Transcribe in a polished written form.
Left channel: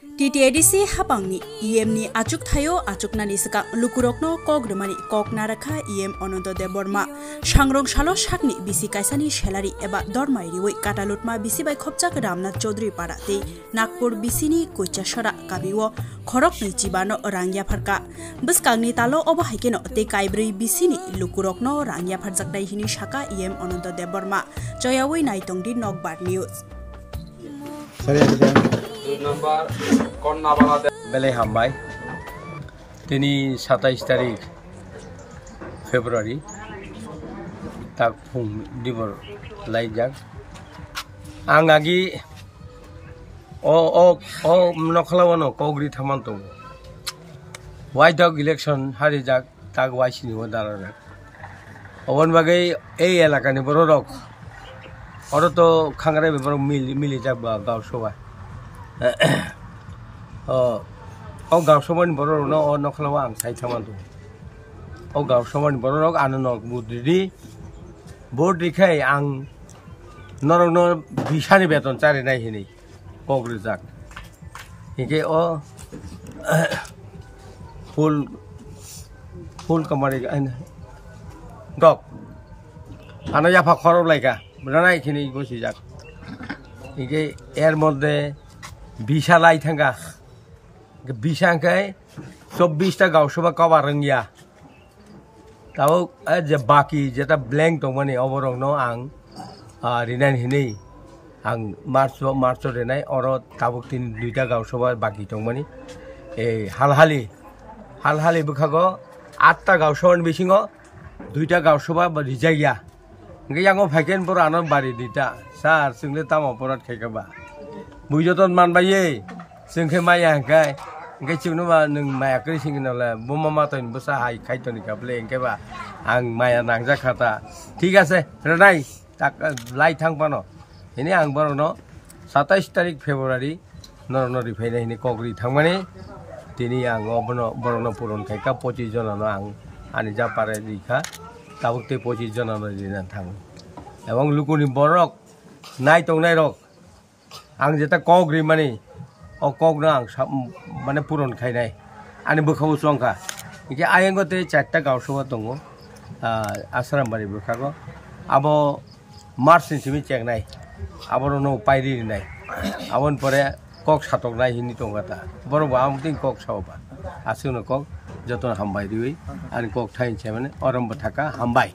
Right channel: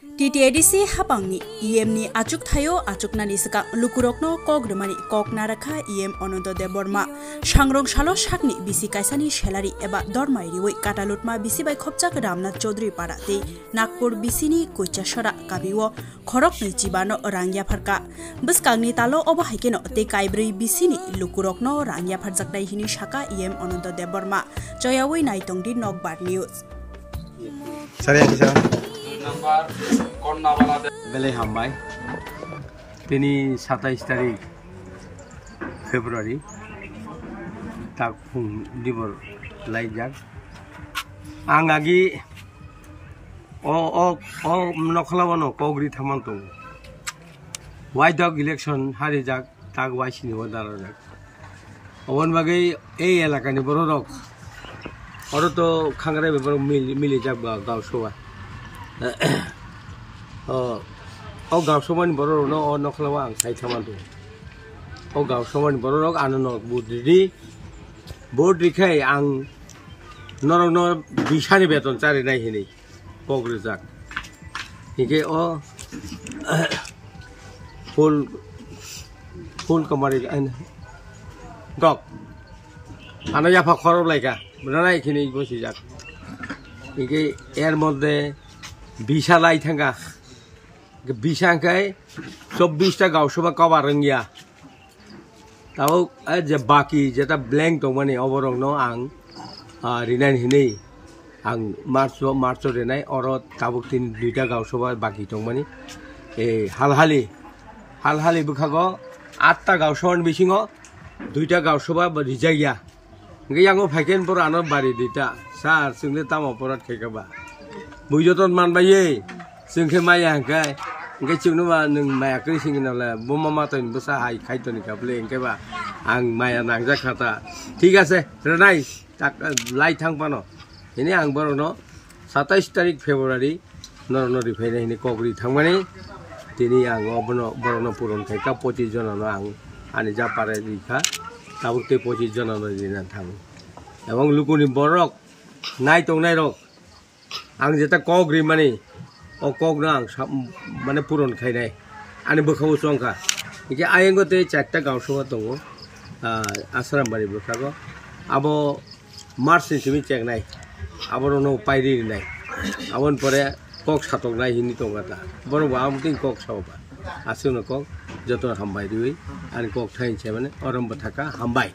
TTADC hapangni EM ni achuk thayo achuknani saka lukurokno kogremani kokna rakha EM Ananto Deborma sangrong salo sakni bisi kaisani salary eba dormai riwoi katalutma bisi bai khopchak Ramnath Chaudhary parate Nagpur bisini koichasara kabiwo khorok ni jibano rangya pharka buskangni talo oba haikeno te kaibri bisini lukurokno rangya pharjaknai hini saka EM Ananto Deborma joyawoi naitongdi Nokbar News বেলে হামবাই তিনি 27 তারিখ ফেব্রুয়ারি তাক ফুং দিবর লাইজাক আং আগি ও নখলাওয়ানো কগ্রি থামান্তং Y dog election হারি যাক তাক ওয়াইসিনি ও দাঁড়ানো অবন বাগৈ এই এলাকানি বড় rock অত তো খাঙ্গারে বেবর মিলি যাক বা গাঁও সভা ও গাঁও সভানি বড় রক ও নখলাওয়া আং সাই থামান্তং ও গাঁও সভানি বড় রক আননক বুদ্রি ভোট রেখাই আং নরক নর বিশানি বেতন চারে নাই হিনি কগ্রি যাক হিকে ও ফুল কমারি ডক আনা জাফা খরব লাইকা রানাই খিনি বসি যাক হিকে এর মধ্যে বিশা লাই থাঙ্গা বিশাঙ্কায় 24টা গাঁও সভা কবার রঙিয়া তাও যে বাকি যেটা ব্ল্যাঙ্ক দं মানে অবরং আং রিনান হিনি आं मार्च रेनाय और ताबुक तीन दुईटा गाँव सभा बाकी दं माने हालहालि बुखागो 8टा गाँव सभानि बिसिङो दुईटा गाँव सभा रिजाइया ओंगे यांगो फाइकेन पर आनो बारि दिता सार जोंनो तामाव परात खायखाबा बुइजतन मानबायै जोंखे माया हांखाय ओंगे जोंनोबा नों मायाखै सिंगिनालाय बमा मातयन बसा हाय खायतनि काबले ओंखेबा आं माया नांजाखाता ठीक আছে रेनाय ताक लाई थांबानो ini ang barono 27 tarik Februari nor fainé ini kogri thangmani tini ang obono barono puron khaika 25 jonano ang ani ja pare dikha tabukte 25 jonano dina thang ebong lukuni borok nai tongnai rok ang jeta kogri mani o kogna ang mane puron khainai ani bokhawo songka ike ayengote 4ta gaw soba tongo asrambari bokhago abo March simi chengnai আবরনো পাইরি নাই আবন পরে কক সাতক নাই হিনি টঙ্গাটা বড় আমকিং কক সাওবা আসুনো কক যতন হামবাই দিই আর কক ঠাইছে মানে অরম্ব থাকা হামবাই